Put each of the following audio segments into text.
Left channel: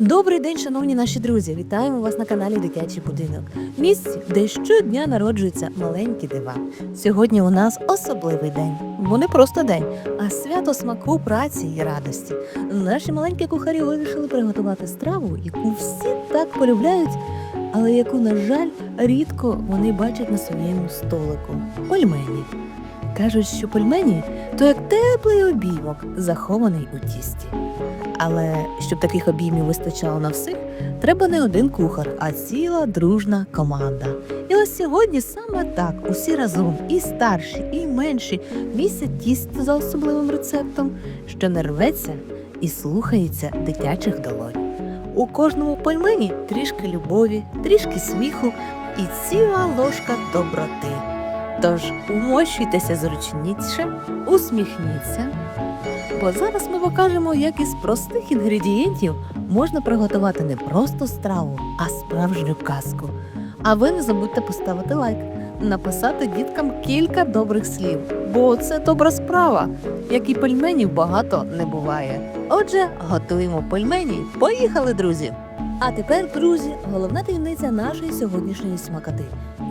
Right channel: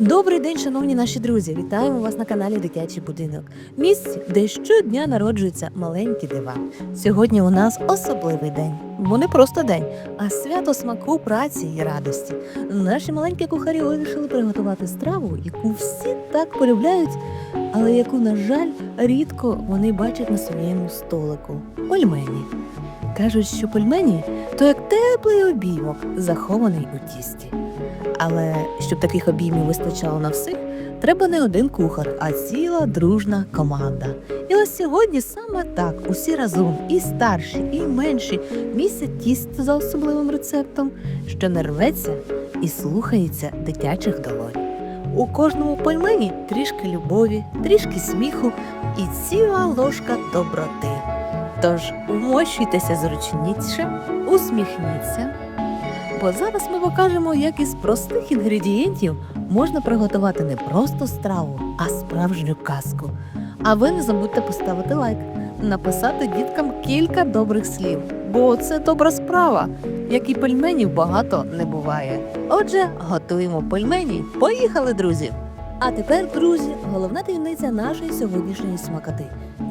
Добрий день, шановні наші друзі! Вітаємо вас на каналі Дитячий будинок. Місці, де щодня народжуються маленькі дива. Сьогодні у нас особливий день, бо не просто день, а свято смаку, праці і радості. Наші маленькі кухарі вирішили приготувати страву, яку всі так полюбляють, але яку, на жаль, рідко вони бачать на своєму столику пельмені. Кажуть, що пельмені то як теплий обіймок, захований у тісті. Але щоб таких обіймів вистачало на всіх, треба не один кухар, а ціла дружна команда. І ось сьогодні саме так усі разом, і старші, і менші, місять тісто за особливим рецептом, що не рветься і слухається дитячих долонь. У кожному пельмені трішки любові, трішки сміху і ціла ложка доброти. Тож умощуйтеся зручніше, усміхніться. Бо зараз ми покажемо, як із простих інгредієнтів можна приготувати не просто страву, а справжню казку. А ви не забудьте поставити лайк, написати діткам кілька добрих слів, бо це добра справа, як і пельменів багато не буває. Отже, готуємо пельмені. Поїхали, друзі! А тепер, друзі, головна таємниця нашої сьогоднішньої смакоти.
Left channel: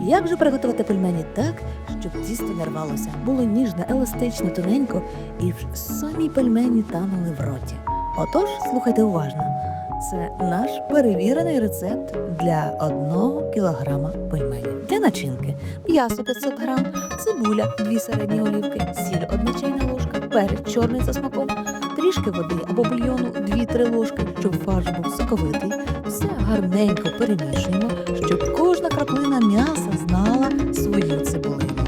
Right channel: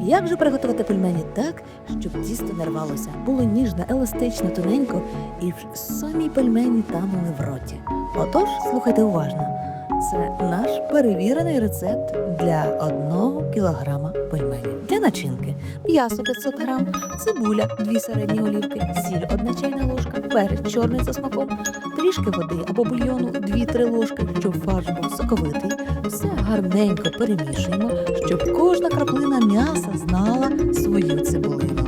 Як же приготувати пельмені так, щоб тісто не рвалося, було ніжне, еластично, тоненько, і в самі пельмені танули в роті. Отож, слухайте уважно. Це наш перевірений рецепт для 1 кілограма пельменів. Для начинки м'ясо 500 грам, цибуля 2 середні олівки, сіль 1 чайна ложка, перець чорний за смаком, трішки води або бульйону 2-3 ложки, щоб фарш був соковитий. Все гарненько перемішуємо, щоб кожна краплина м'яса знала свою цибулину.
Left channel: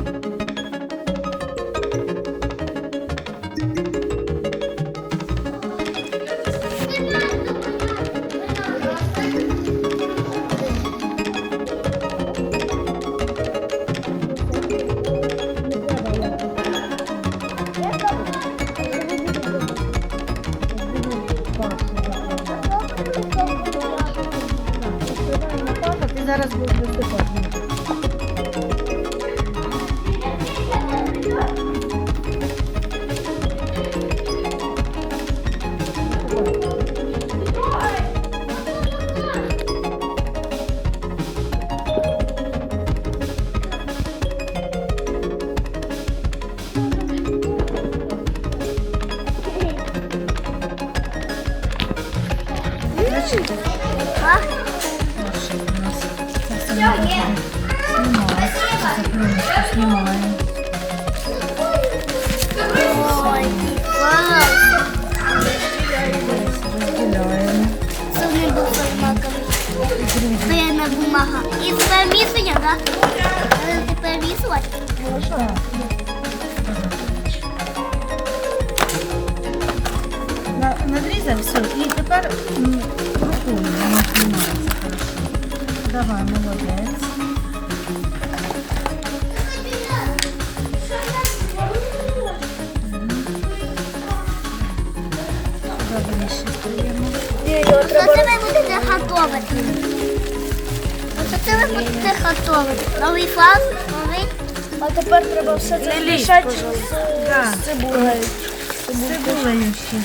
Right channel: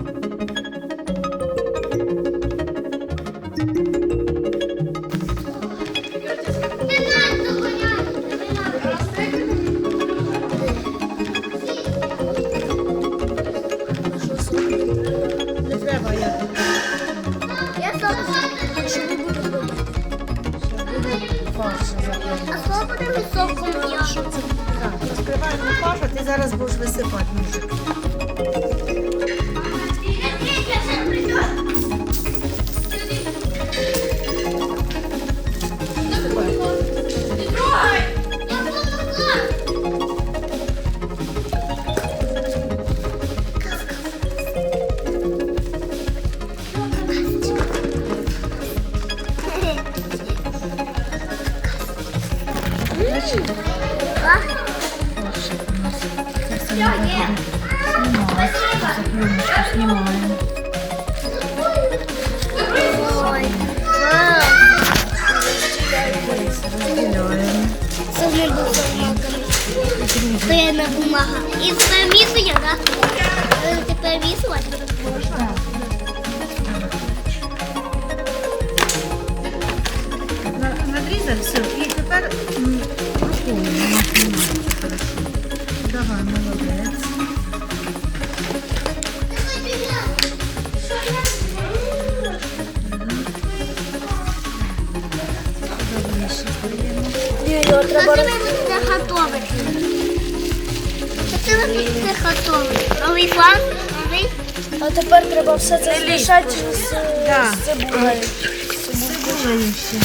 Фарш, а ти зараз будеш Стояна бумага. І місує, так? Е, Тепер Можна. Надрізав все і тепер рукою знімається. Давай, молодець. Новий фарш, новий. А тепер треба все це змішати з, Да. з цибулею. Цибулею ще.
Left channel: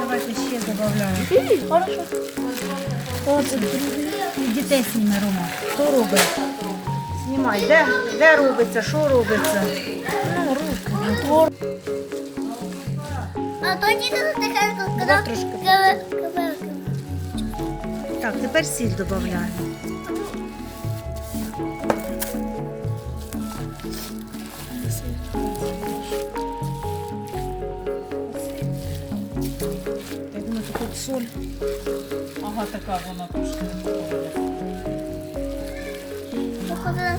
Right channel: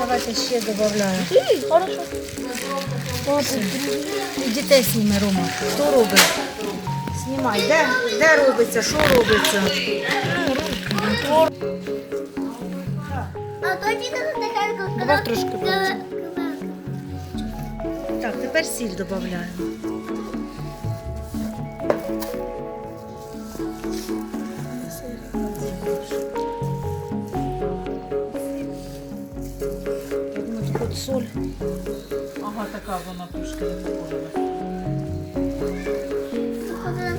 Давайте ще додаємо. Хорошо. От, і дітей зніме, Рома. Хто робить? Знімай. Де, де робиться? Що робиться? Ну, руки. А це таке тут. Давай трошки. Так, тепер сіль додаємо. Я думаю, тут соль. Ага, така вона трошки не похожа. Похоже.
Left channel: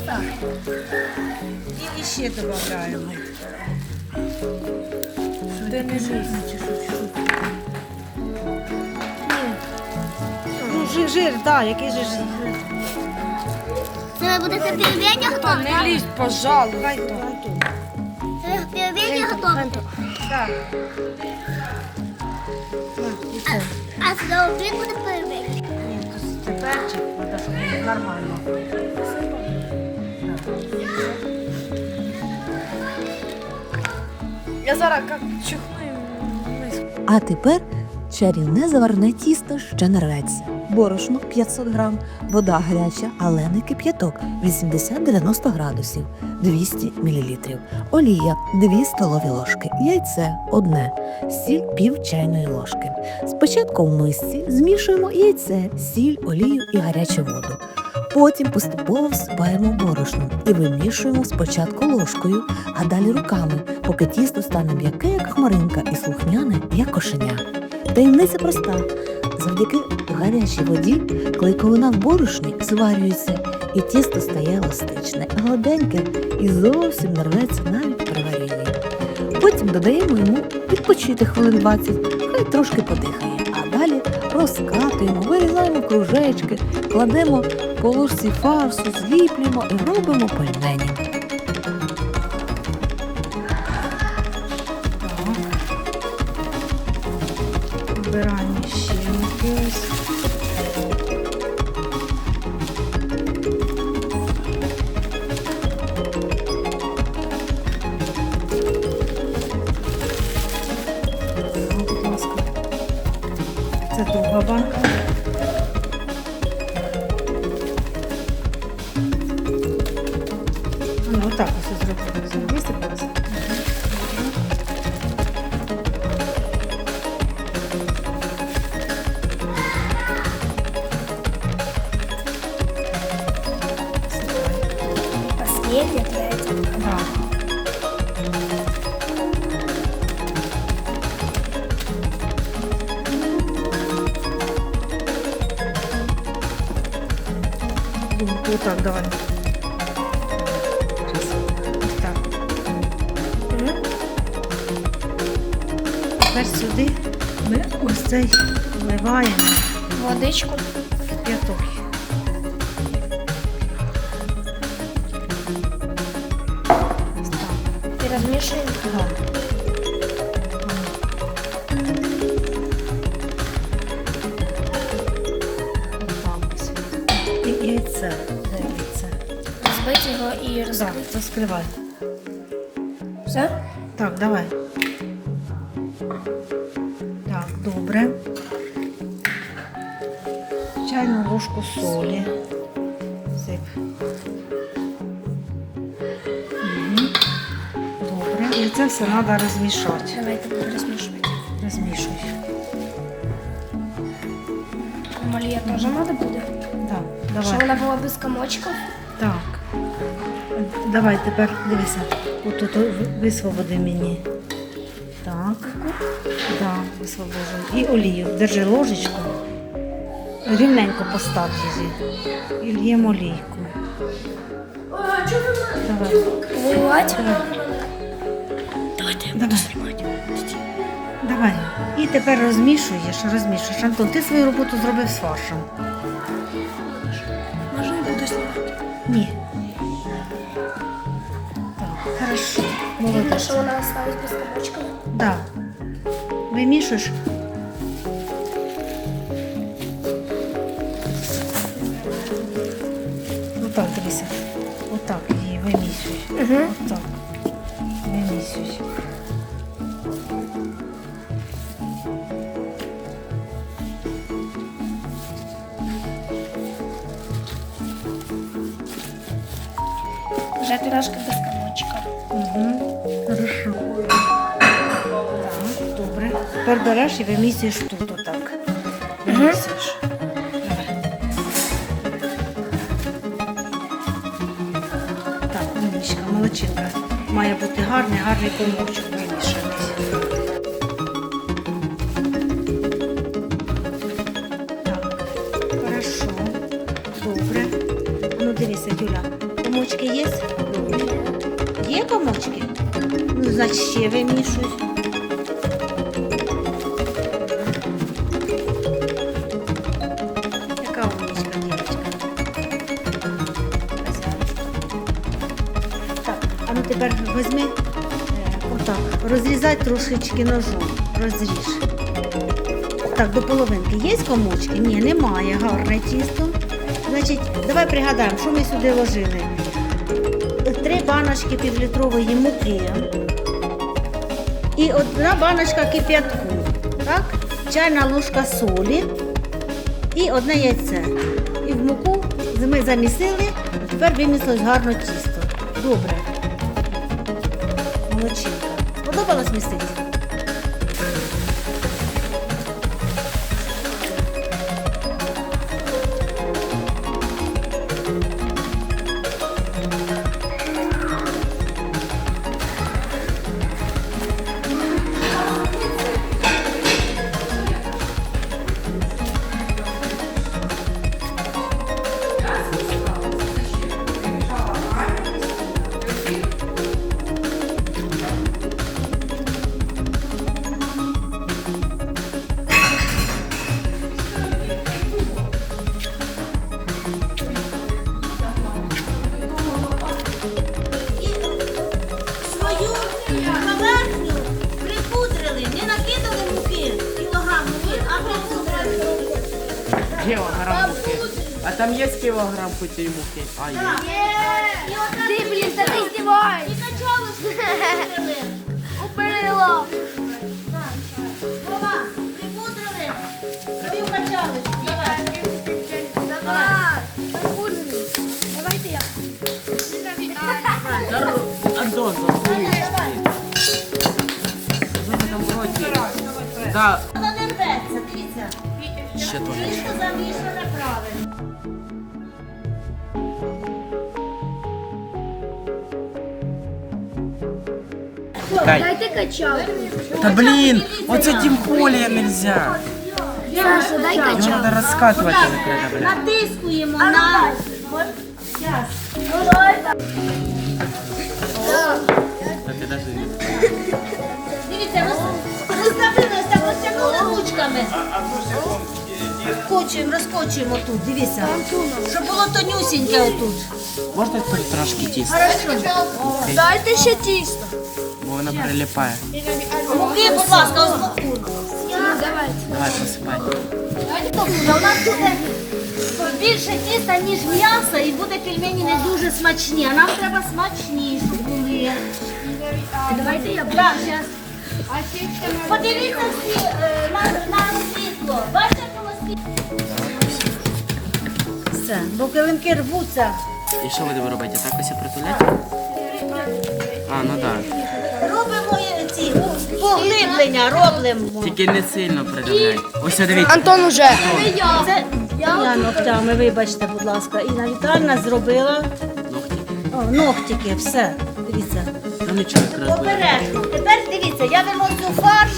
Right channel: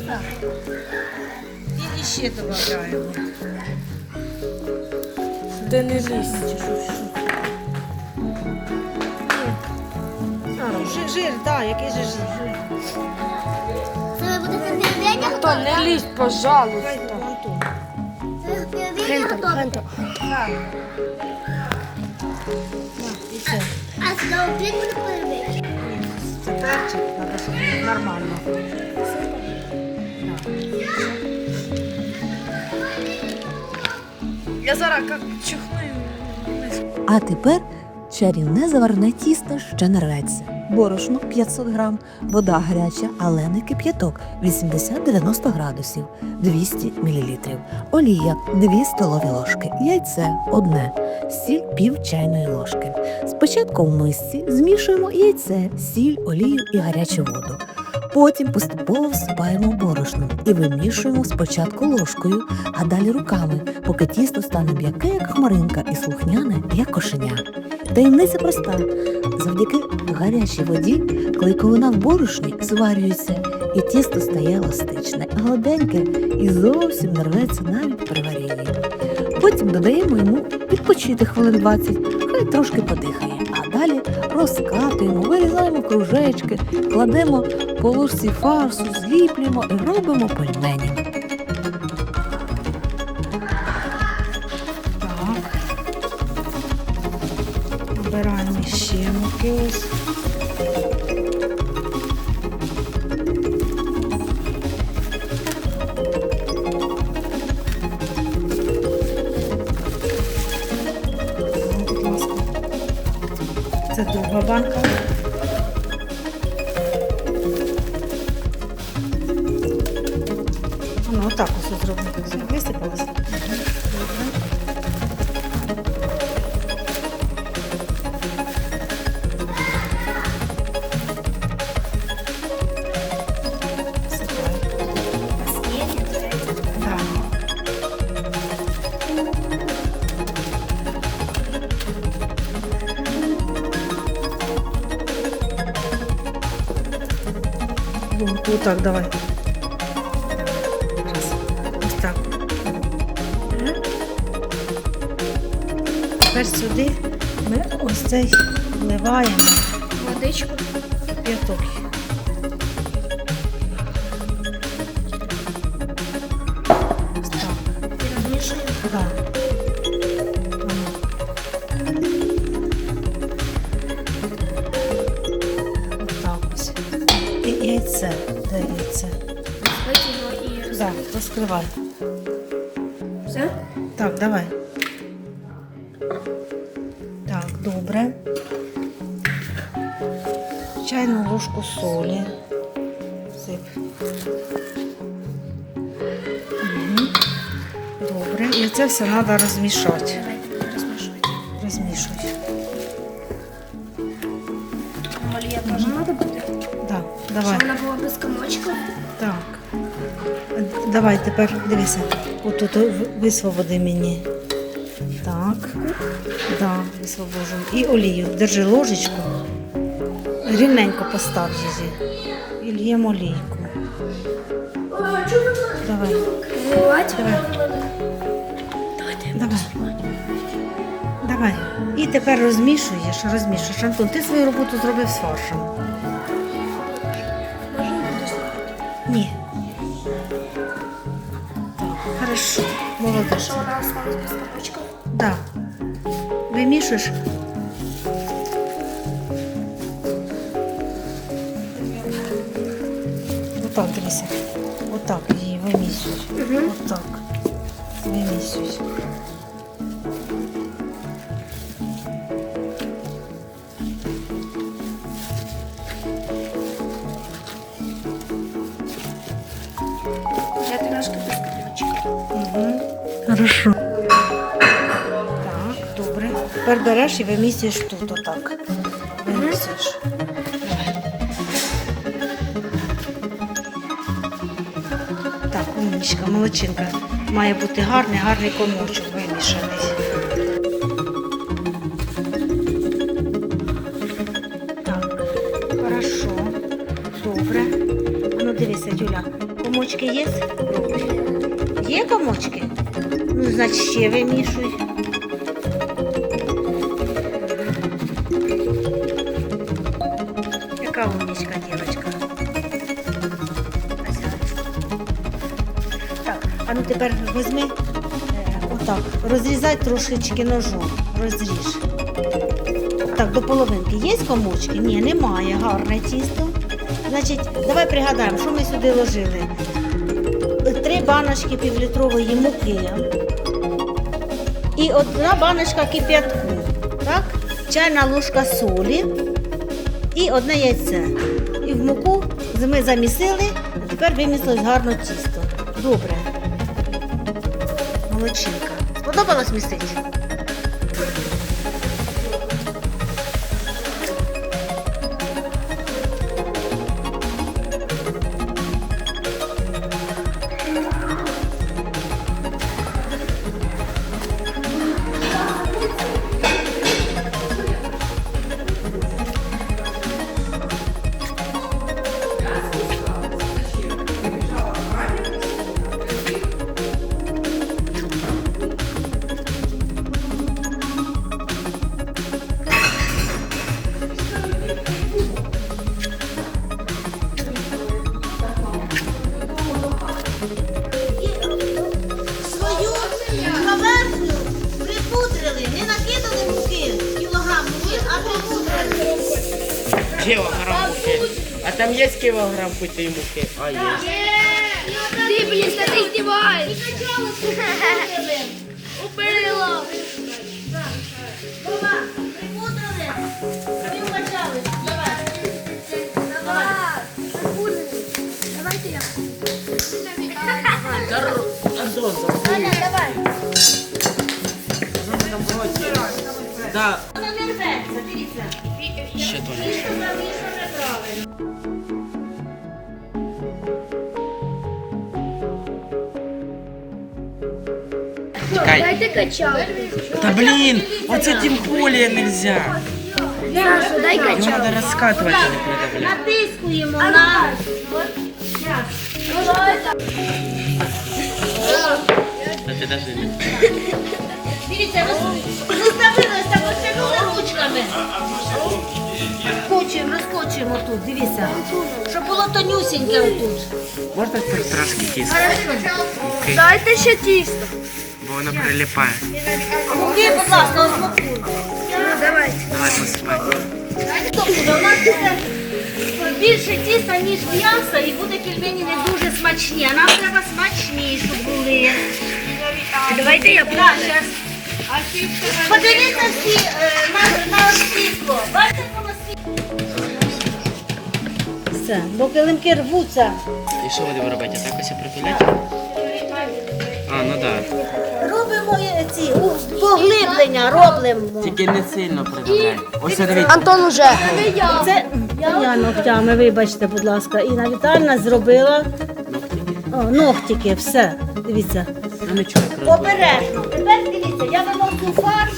І ще додаємо. Ти не лізь. Ну, Жир, жир, так, який же жир. Це ви будете пельмені готувати, не лізь, пожалуйста. Антон. Це пельмені готувати. Так. На, і все. А сюди обід буде пельмені. Ні, це перчик, треба, щоб він нормально. Я зараз як чихну. і- А тепер чарівне заварне тісто ще не рветься. Борошно 500 грам, вода гаряча, але не кип'яток 80-90 градусів, 200 мл, олія 2 столові ложки, яйце одне, сіль пів чайної ложки. Спочатку в мисці змішуємо яйце, сіль, олію і гарячу воду. Потім поступово всипаємо борошно і вимішуємо спочатку ложкою, а далі руками, поки тісто стане м'яке, як хмаринка, і слухняне, як кошеня. Таємниця проста. Завдяки гарячій воді клейковина в борошні зварюється, і тісто стає еластичне, гладеньке і зовсім не рветься навіть при варінні. Потім додаємо йому відпочити хвилин 20, хай трошки подихає. А далі розкатуємо, вирізаємо кружечки, кладемо по ложці фарсу, зліплюємо і робимо пельмені. Ще так, давай. Раз. Ось так. Тепер сюди ми ось цей вливаємо Водичку. п'яток. Ось так. І розмішуємо. Так розкривай. Все? Так, давай. Так, добре. Чайну ложку солі. Сип. Угу. Добре. І це все треба розмішати. Давайте розмішувати. Розмішуй. Олія теж треба буде? Так, Щоб давай. вона була без комочків. Давай тепер дивися. Отут висвободи мені. Так. Да, висвобожу. І олію. Держи ложечку. Рівненько постав її. І л'ємо олійку. Давай. Виливати? Давай. Давай. Давай. І тепер розмішуєш, розмішуєш. Антон, ти свою роботу зробив з фаршем. А Молодець. що вона осталась без комочків? Да. Вимішуєш. Отак, дивися. Отак її вимісюй. Угу. Отак. Вимісюй. Вже Хорошо. Так, добре. Тепер береш і вимісюєш тут отак. Давай. Так, умничка, молодчинка. Має бути гарний, гарний комочок вимішаний. Так, хорошо. Добре. А Ну дивися, Юля, комочки є? Є комочки? Ну, значить, ще вимішуй. Яка умничка, дівчинка. Так, а ну тепер візьми, е, отак, розрізай трошечки ножом. Розріж. Так, до половинки. Є комочки? Ні, немає. Гарне тісто. Значить, давай пригадаємо, що ми сюди ложили три баночки півлітрової муки і одна баночка кип'ятку. Так? Чайна ложка солі і одне яйце. І в муку ми замісили, тепер вимісилось гарно тісто. Добре. Молодчинка. Сподобалось містити? Есть килограмм питой муки? А, есть. Ти, блін, та ти здіваєш. Убила. Припудрили. Давай. Давай. Давайте я. Антон. Да. Вона не рветься, дивіться. Ще то Тісто замішане правильно. Дайте качалку. Да блин, вот с этим более нельзя. Саша, дай Его качалку. надо раскатывать, а не продавлять. Натискуємо на. Да ты даже не... Дивіться, роз- розставили, так розтягнули ручками. Скочуємо, розкочуємо тут, дивіться. Щоб було тонюсіньке отут. Можно хоть трошки тіста? Дайте ще тісто. Бо воно прилипає. Муки, будь ласка. Ну, давайте. Давай посипай. Тобто у нас буде більше тіста, ніж м'яса, і буде пельмені не дуже смачні. А нам треба смачні, щоб були. Давайте я Так, зараз. Подивіться всі е, на, на світло. Бачите, воно світло? Все, бо килимки рвуться. І що будемо робити? Так ось і притулити? А, ну да. Робимо е, ці поглиблення, робимо. Тільки не сильно придавляй. Ось дивіться. Антон уже. Це я ногтями, вибачте, будь ласка. Інна Вітальна зробила О, ногтики, все. Дивіться. Ну нічого. Обережно. Тепер дивіться, я виношу фарш.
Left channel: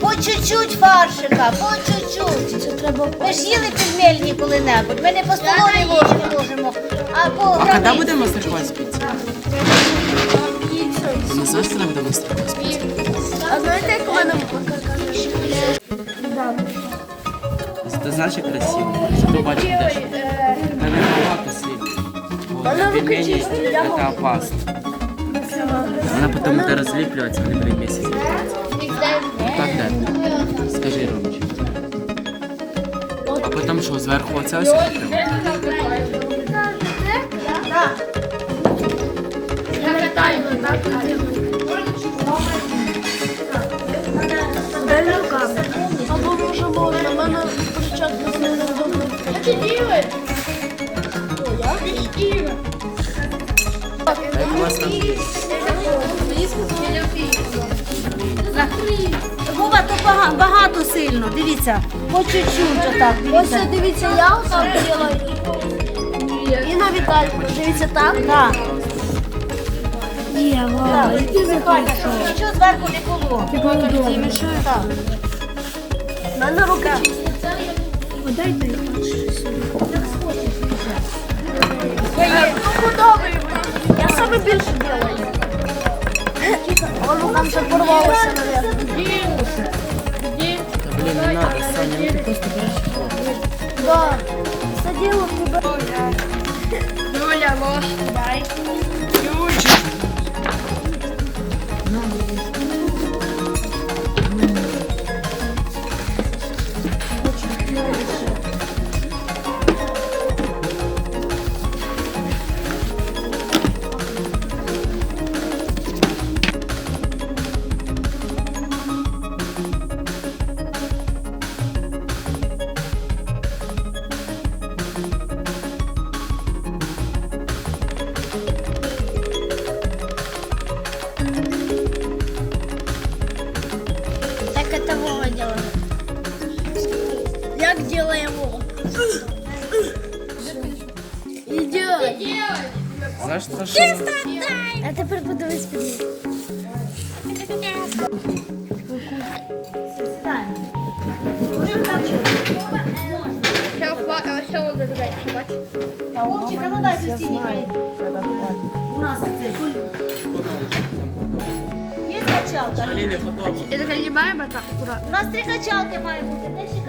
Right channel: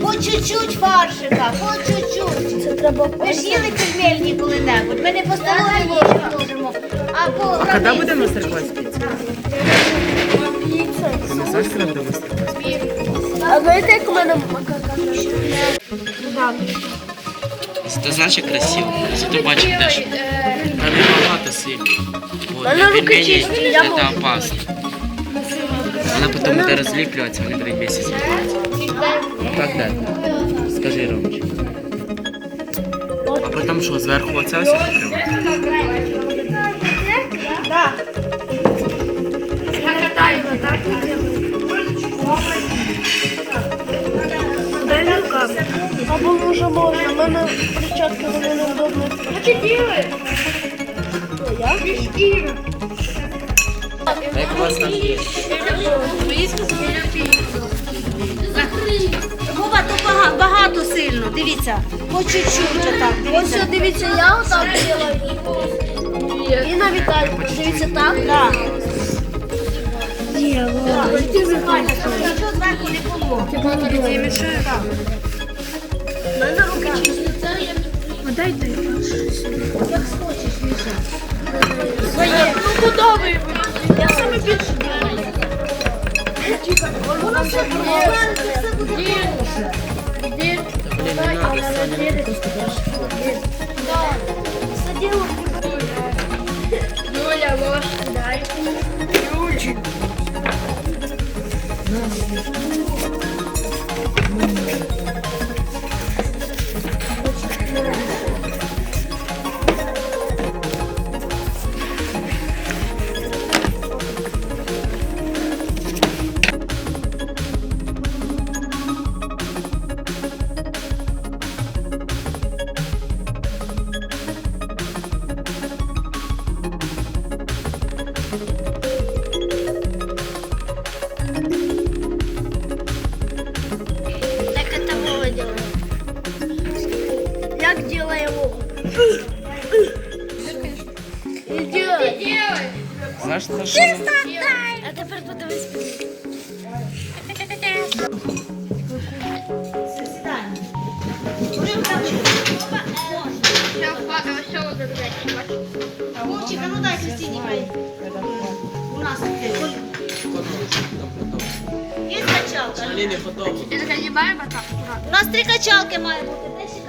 По чуть-чуть фаршика, по чуть-чуть. Це треба. Ви ж їли пельмельні коли-небудь. Ми не по столовій ложці можемо, а по А коли границі. буде мастер-клас Ти знаєш, коли буде мастер-клас? А знаєте, як у мене Це значить красиво. Зато бачимо теж. Там не багато сильно. Бо для пельменей це опасно. Вона потім буде розліплюватися, вони будуть місяць зліплюватися. Так далі. Скажи, Ромич. А потім що, зверху оце ось? Дивіться. По чуть-чуть так. Ось що, дивіться, я отак делаю. І на Вітальку, дивіться так. Так. Ні, ладно, ви там? Нічого зверху не було. У мене рука. Подай Своє.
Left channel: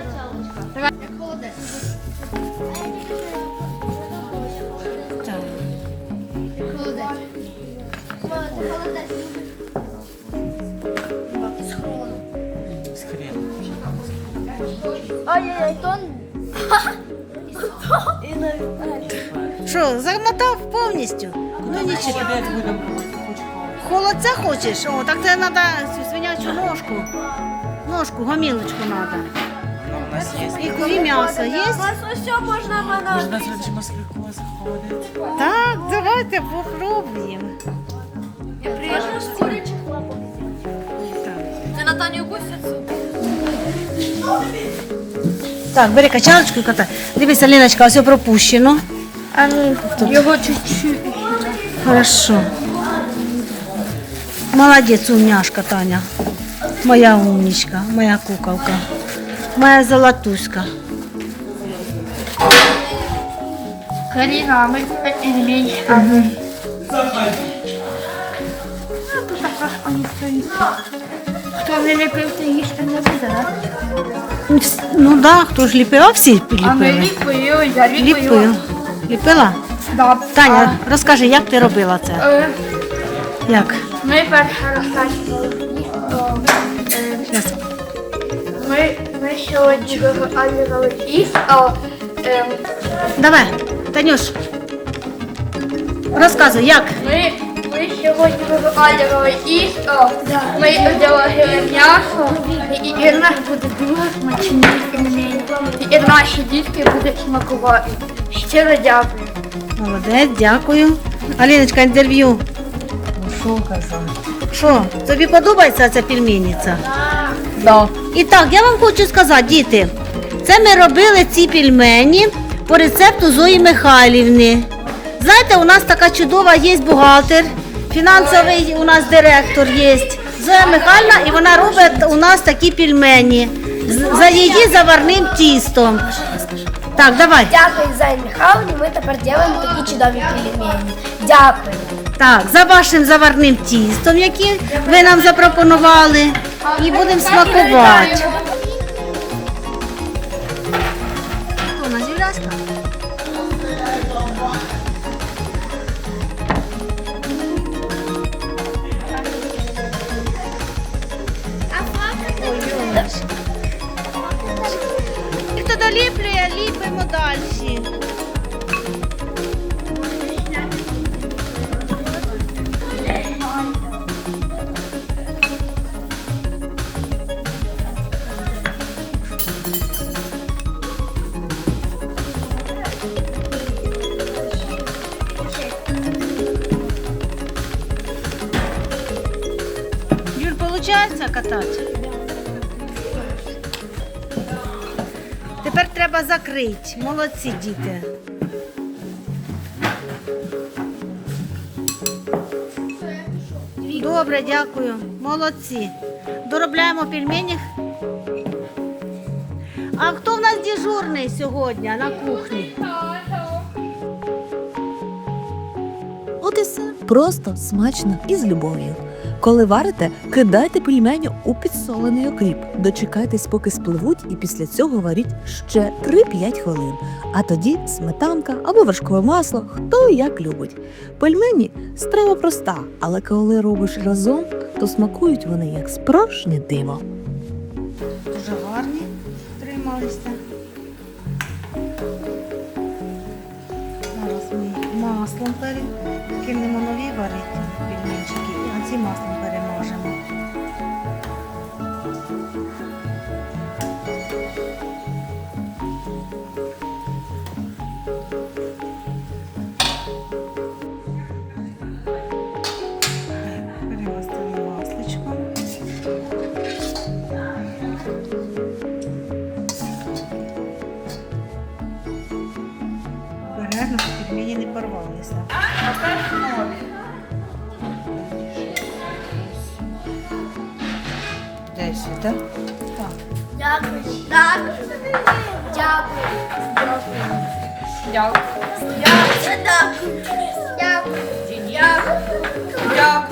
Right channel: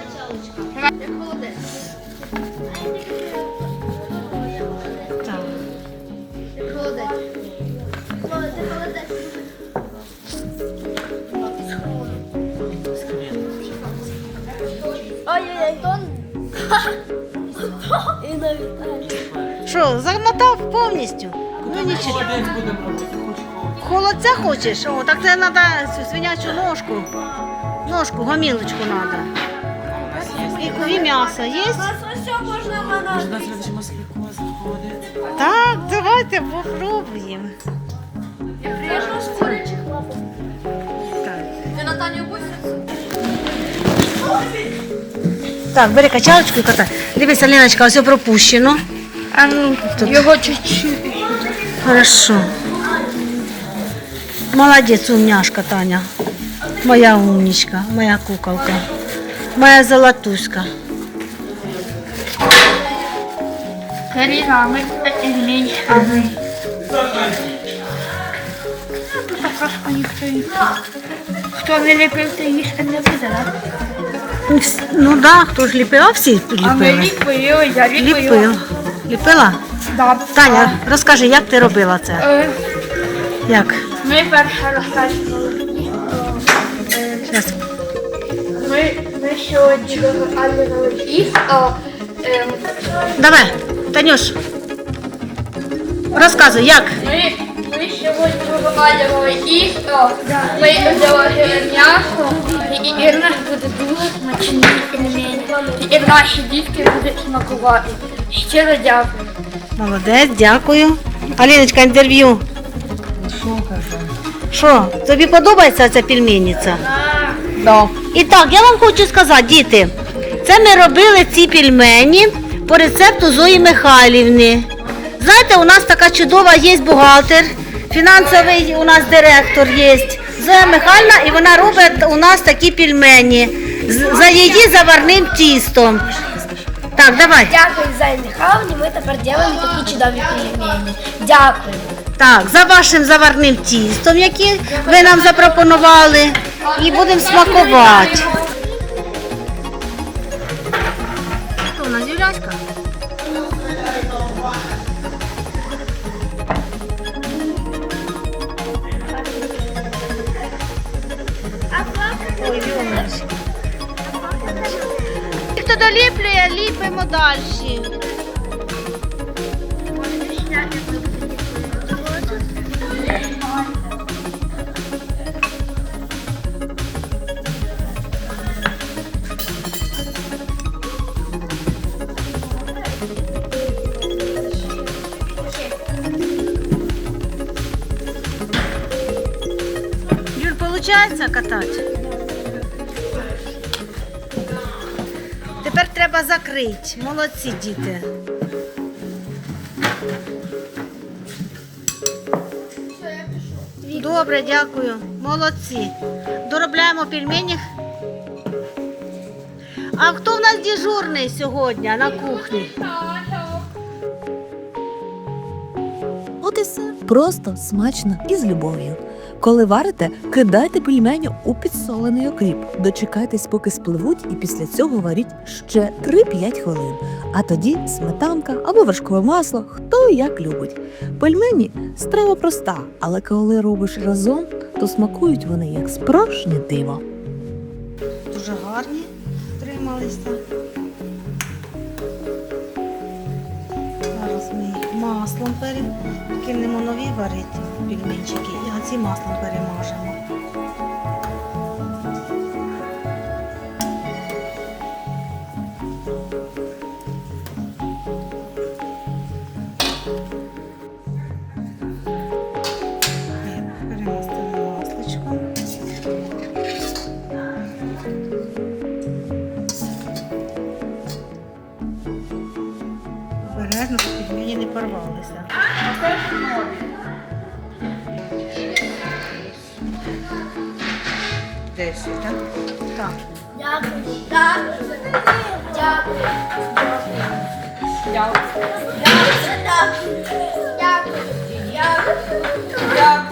Качалочка? Так. Ай-яй-яй, тон. И на Що, замотав повністю? Ну нічого. Холодця хочеш? О, так це треба цю свинячу ножку. Ножку, гомілочку треба. У нас є. І, ку- і м'ясо є? все можно мана. Може, нас видиш москвіку заходить? Так, давайте попробуємо. Можно с курячих лапок. Так. Ты на Таню гусицу? Так, бери качалочку і катай. Дивися, Ліночка, ось пропущено. А ну, его чуть-чуть. Хорошо. Молодець, умняшка Таня. Моя умничка, моя куколка. Моя золотуська. Карина, мы измень. А вы? Тут так трошки ніхто не Хто не ліпив, то їсти не буде, да? Ну, Ну да, хто ж ліпив, а всі А ми ліпили. ліпили, я ліпила. Ліпив. Ліпила? Да. Таня, розкажи, як ти робила це? Е, Як? Ми перше розкачували. Щас. Сьогодні. Ем, Давай, Танюш. Розказуй, як? ми, ми сьогодні вивалювали тісто. Ми взяли м'ясо. І Ірина буде дуже смачні пельмені. І наші дітки будуть смакувати. Щиро дякую. Молодець, дякую. Аліночка, інтерв'ю. Що? Що, тобі подобається ця пельменниця? Да. І так, я вам хочу сказати, діти, це ми робили ці пельмені по рецепту Зої Михайлівни. Знаєте, у нас така чудова є бухгалтер, фінансовий у нас директор є. Зоя Михайлівна, і вона робить у нас такі пельмені за її заварним тістом. Так, давай. Дякую, Зай Михайловні, ми тепер робимо такі чудові пельмені. Дякую. Так, за вашим заварним тістом, яке ви нам запропонували, і будемо смакувати. Що у нас Юляська? Ой, Юлечка. Хто доліплює, ліпимо далі. Получається катати? Тепер треба закрити. Молодці діти. Добре, дякую. Молодці. Доробляємо пельмені. А хто в нас дежурний сьогодні на кухні? От і все. Просто смачно і з любов'ю. Коли варите, кидайте пельмені у підсолений окріп. Дочекайтесь, поки спливуть, і після цього варіть ще 3-5 хвилин. А тоді сметанка або вершкове масло, хто як любить. Пельмені страва проста, але коли робиш разом, то смакують вони як справжнє диво. Дуже гарні трималися. Зараз ми маслом перекинемо нові варити пельменчики, і ці маслом перемажемо. порвалися. А теж нові. Десять, так? Так. Дякую. Дякую. Дякую. Дякую. Дякую. Дякую. Дякую.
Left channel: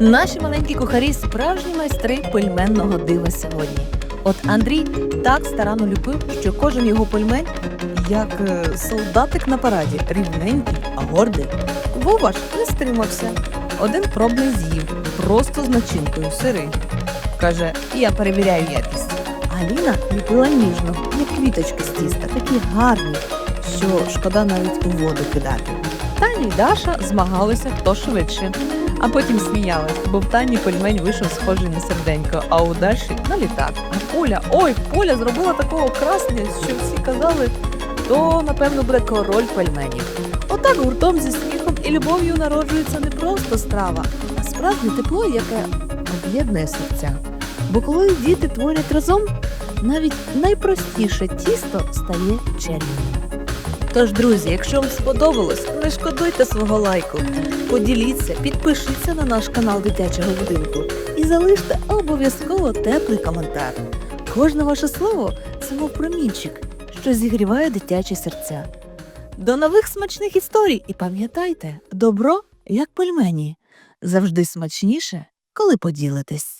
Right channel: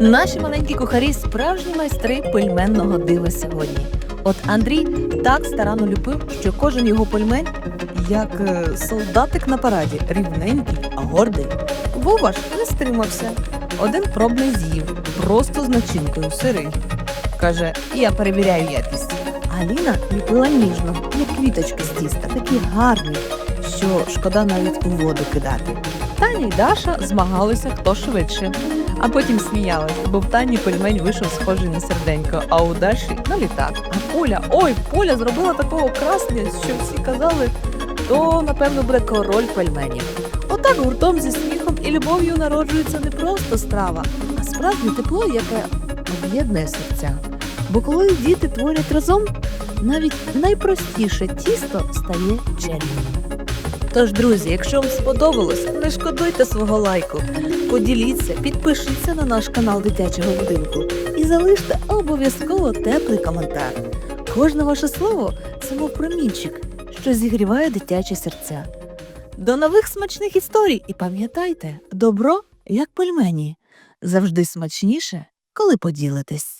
Наші маленькі кухарі справжні майстри пельменного дива сьогодні. От Андрій так старанно ліпив, що кожен його пельмень як е, солдатик на параді, рівненький, а гордий. Вова не стримався. Один пробний з'їв, просто з начинкою сирий. Каже, я перевіряю якість. Аліна ліпила ніжно, як квіточки з тіста, такі гарні, що шкода навіть у воду кидати. Таня й Даша змагалися хто швидше. А потім сміялась, бо в Тані пельмень вийшов схожий на серденько, а у Даші на літак. А Поля, ой, Поля зробила такого красення, що всі казали, то напевно буде король пельменів. Отак гуртом зі сміхом і любов'ю народжується не просто страва, а справжнє тепло, яке об'єднує серця. Бо коли діти творять разом, навіть найпростіше тісто стає чарівним. Тож, друзі, якщо вам сподобалось, не шкодуйте свого лайку. Поділіться, підпишіться на наш канал дитячого будинку і залиште обов'язково теплий коментар. Кожне ваше слово це мов промінчик, що зігріває дитячі серця. До нових смачних історій і пам'ятайте, добро як пельмені завжди смачніше, коли поділитесь.